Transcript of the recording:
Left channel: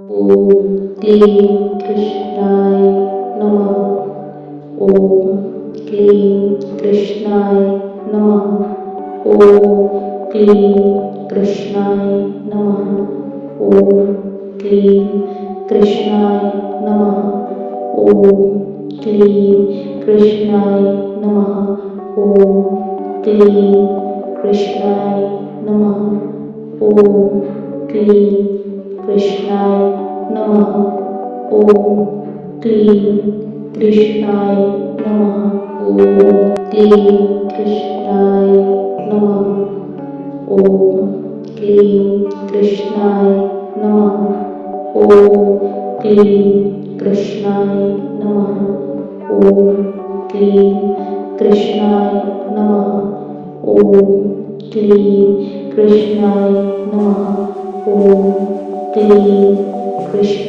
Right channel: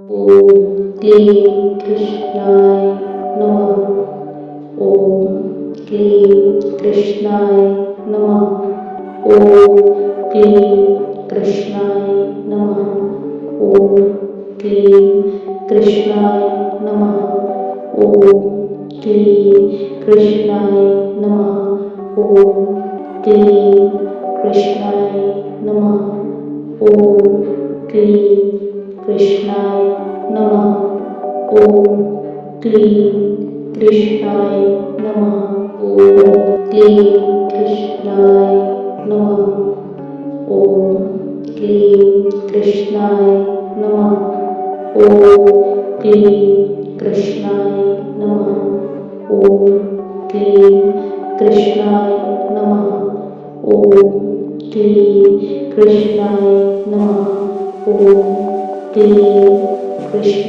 ॐ क्लीं कृष्णाय नमः। ॐ क्लीं कृष्णाय नमः। ॐ क्लीं कृष्णाय नमः। ॐ क्लीं कृष्णाय नमः। ॐ क्लीं कृष्णाय नमः। ॐ क्लीं कृष्णाय नमः। ॐ क्लीं कृष्णाय नमः। ॐ क्लीं कृष्णाय नमः। ॐ क्लीं कृष्णाय नमः। ॐ क्लीं कृष्णाय नमः। ॐ क्लीं कृष्णाय नमः। ॐ क्लीं कृष्णाय नमः। ॐ क्लीं कृष्णाय नमः। ॐ क्लीं कृष्णाय